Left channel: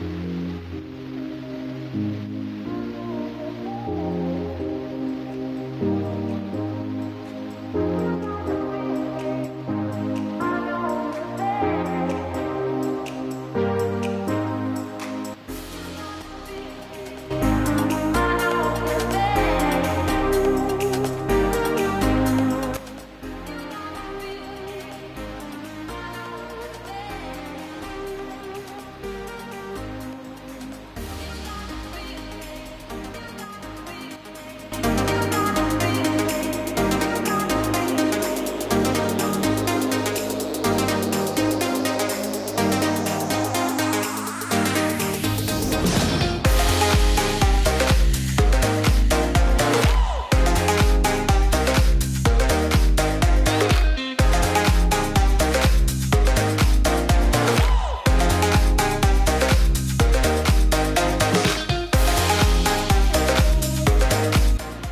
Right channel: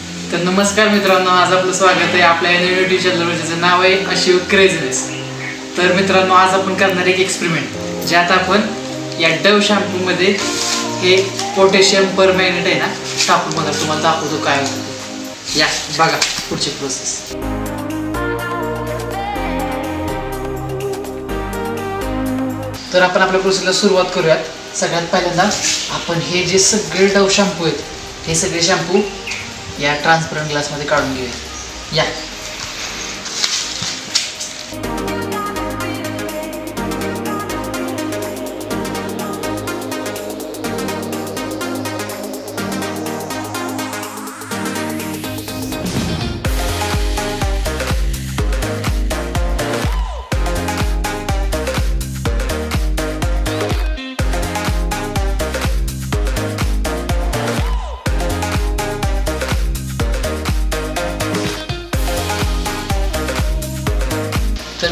तर नमस्कार मित्रांनो, आज आपलं स्वागत आहे आपल्या नवीन यूट्यूब चॅनलवर, ज्याचं नाव आहे अशिव क्रेझीनेस। तर मित्रांनो, आज आपण करणार एक एक्सपेरिमेंट, ज्यात आपण या डव शॅम्पूमध्ये हे पोटॅशियम परमॅंगनेट आहे ना टाकून बघा, तुम्हाला दाखवतो काय होतं। या बघा पुढची प्रोसेस। तर आपण आपल्या प्रोसेसला सुरुवात करूयात। सगळ्यात पहिल्यांदा आपण हे जे सगळे डव शॅम्पू आहेत हे सगळे शॅम्पू या ट्रान्सपरंट ग्लासमध्ये काढून घेऊया। या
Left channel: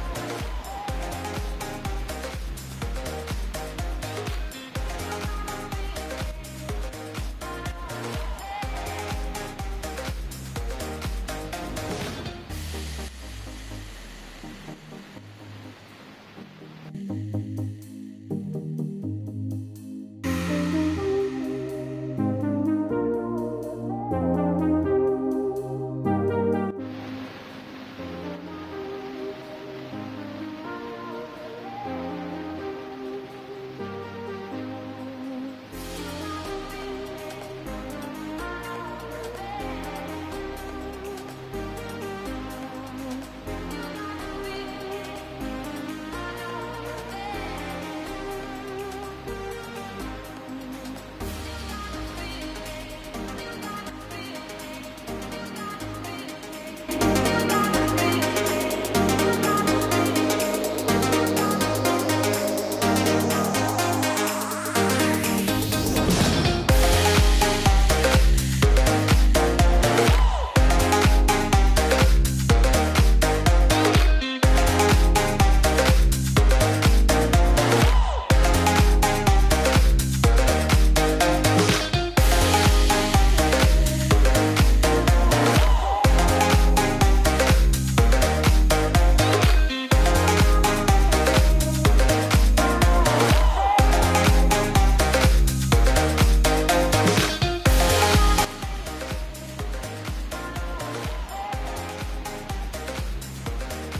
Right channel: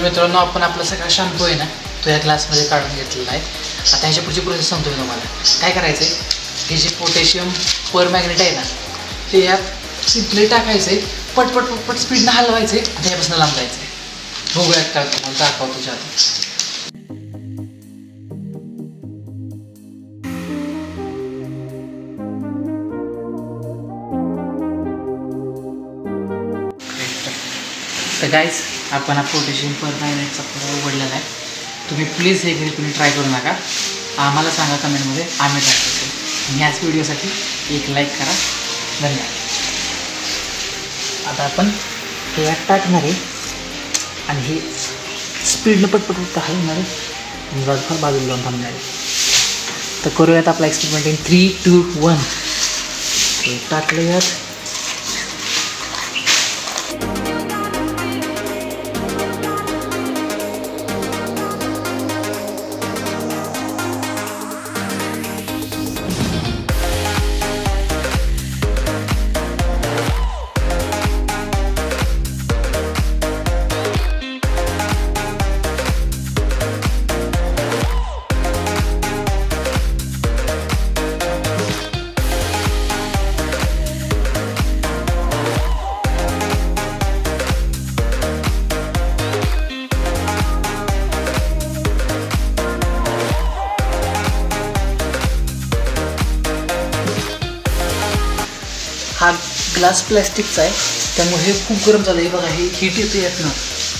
मित्रांनो, आपण आपला सगळा शॅम्पू आहे ना तो या ग्लासमध्ये काढून घेतलेला आहे। आता ह्याच्या पुढची प्रोसेस सांगतोय तुम्हाला। काय करायचं आहे, हे जे पोटॅशियम परमॅंगनेट आहे ना ते यात सिम्पली टाकायचं आहे, पटपट पटपट स्पीडनं हलवायचं आहे आणि त्यापासून लांब जायचं आहे। बघूयात काय तुम्हाला दाखवतो तुझ्या तर गाईज, आपण हा पोटॅशियम परमॅंगनेटचा प्रयोग उघडलेला आहे। तुम्ही प्लीज हे घरी तुम्ही ट्राय करू नका, आम्हाला सांगा कमेंटमध्ये, आम्ही ट्राय करतो। ह्याच व्हिडिओसाठी एक लाईक करा, धन्यवाद। आता आपण हे यात टाकणार आहे आणि हे स्पीडनं पटपट हलवणार आहे, बाजूला जाऊन थांबणार आहे। तर करूयात आपला एक्सपेरिमेंट इन 3, 2, 1। टाकलं यात। हा ग्लास प्लॅस्टिकचा आहे, त्यामुळे हे खूप गरम झालं आहे। बघा, हे हीट येतं यातनं,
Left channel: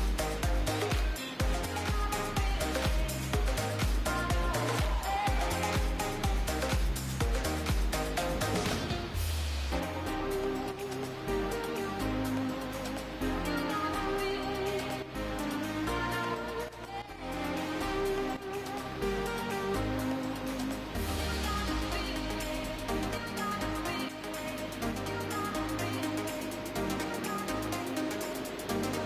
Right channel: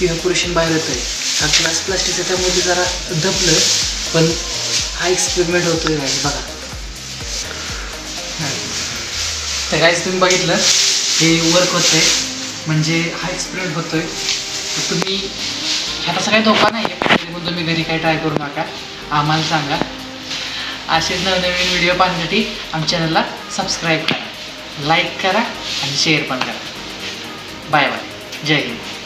इव्हॅपोरेशन बाहेर येतं आहे। हा ग्लास प्लॅस्टिकचा त्यामुळे ते जरा दबलं, पण हा एक्सपेरिमेंट होतोय बघा। तर गाईज, तुम्ही बघितलं हे वर्क होतंय, म्हणजे हा एक्सपेरिमेंट होतोय। तर तुम्ही ह्याचा सगळ्या धोका नाही आहे, तरी तुम्ही घरी काही ट्राय करू नका, आम्हाला सांगा। असेच नवनवीन व्हिडिओ पाहण्यासाठी आमच्या चॅनलला सबस्क्राईब करा, लाईक करा आणि शेअर पण करा। बाय बाय, जय हिंद।